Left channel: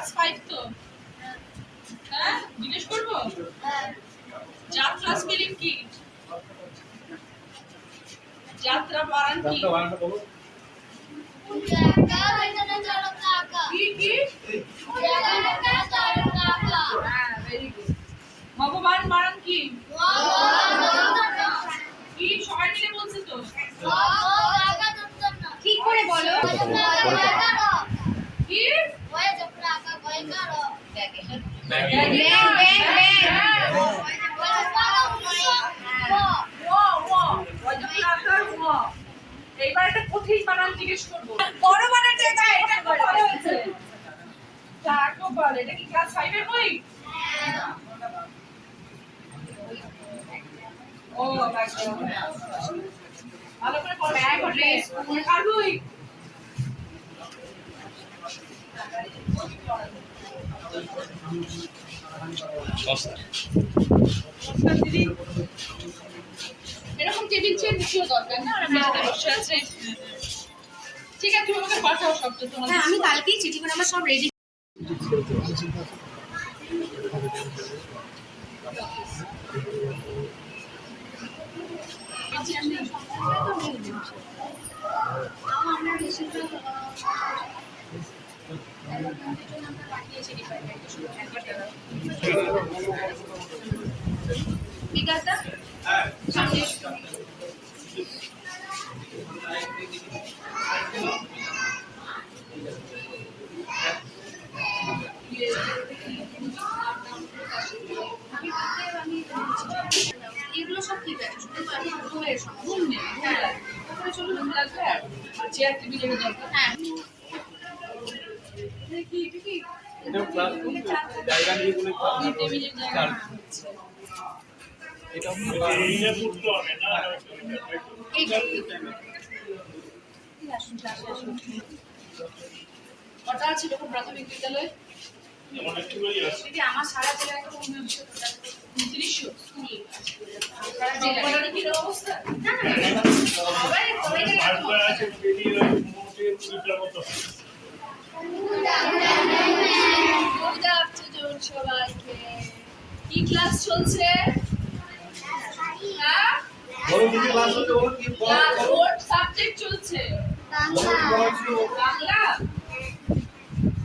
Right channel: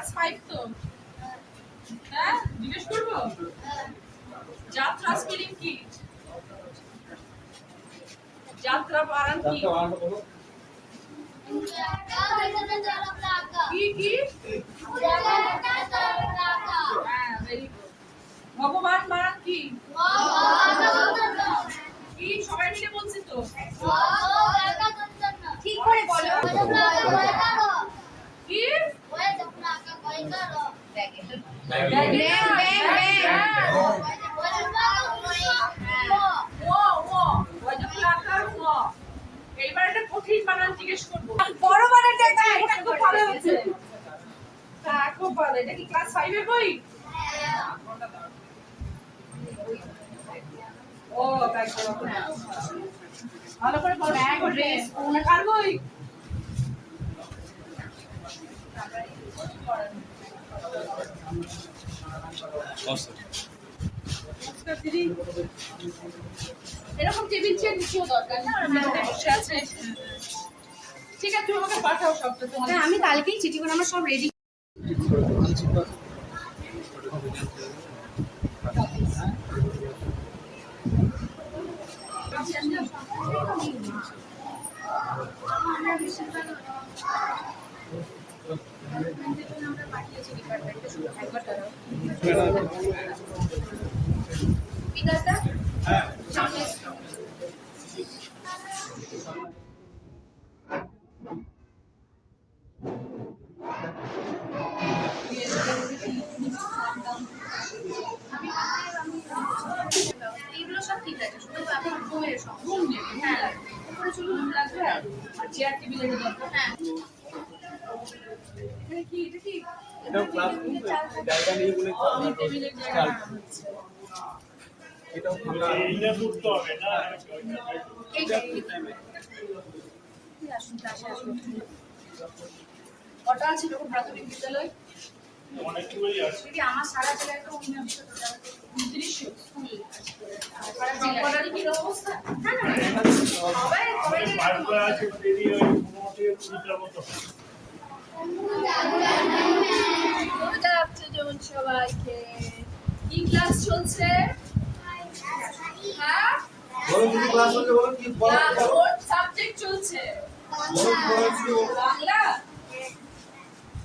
class 5 তো হ্যাঁ জিজ্ঞেস করবো যাত্রা স্পেলিং কি যাত্রা বানান কি কি কি হ্যাঁ ভেরি গুড ভগবান বানান কি কি সবাই মিলে বলছে তো ঠিক করে বলো কি এইবার একটা কঠিন বানান জিজ্ঞেস করবো বড় বানানটা এটা খুব ভালো হয়েছে তা খুব ভালো এটা কি ক্লাস 5 এর বই ও একদম ভালো করে পড়ো ব্যাগ ড্রেস কার বই দিদি এরকম টেবিল চেয়ার নিশ্চয় দরকার না আর মেয়েটা বসে আছে ঠিক আছে তুমি আমাকে পাঠাও সবটা তোমার হ্যাঁ আমি কালকেই চিঠি করে আমার সব রেডি আমরা বেশিরভাগ আমরা পাঠিয়েছি ডিপার্টমেন্টে শুধু একবার বিকাশদা সামনে এগুলো সব ঠিক আছে শুধু এখন রুমের সমস্যা রুম নেই হ্যাঁ উপরে চলুন রুম লাগবে আর চেয়ার টেবিলের দরকার হ্যাঁ কি এটা কি এটা ক্লাসরুম জায়গা নিয়ে বলে টেবিলের জায়গা এটাও ফাঁকা এইটা করতে হবে না আসুন ক্লাসে আসুন কটা ছিল কোন প্রাথমিক বিদ্যালয় অনেকগুলোই আছে দিদি আমার সারা জেলায় তো 2900 স্কুল সারা জেলায় কি অবস্থা না না সবাই সবাই পাঁচটা আছে বেরিয়ে মোটামুটি 20টার মতো গুড আফটারনুন সবাইকে কি ক্লাস চলছে হ্যাঁ বলো তুমি ক্লাস হচ্ছে বলো কি কোন সাবজেক্ট চলছে বাংলা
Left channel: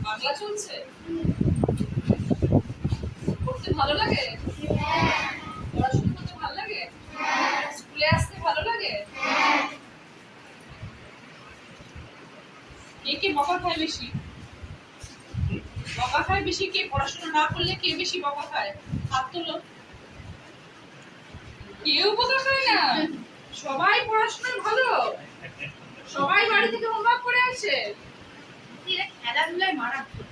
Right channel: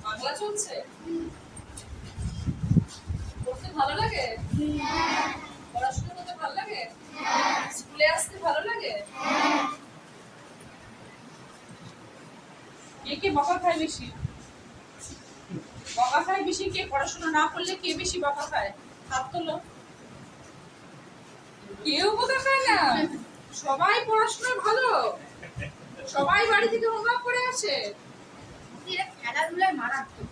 বাংলা চলছে পড়তে ভালো লাগে পড়াশোনা করতে ভালো লাগে স্কুলে আসতে ভালো লাগে কে কে বকা খায় বেশি বকা খায় বেশি কে পড়াশোনা না করলে কে বেশি বকা খায় হাত তোলো কেউ বকা খায় না সবাই পড়াশোনায় ভালো সবাই বাড়ি থেকে হোমওয়ার্ক করে আসে এরা খেলাধুলায় মারাত্মক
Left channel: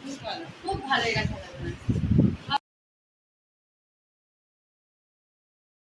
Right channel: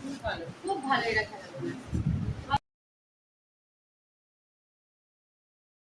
খুব ভালো খুব ভালো এরা খেলাধুলা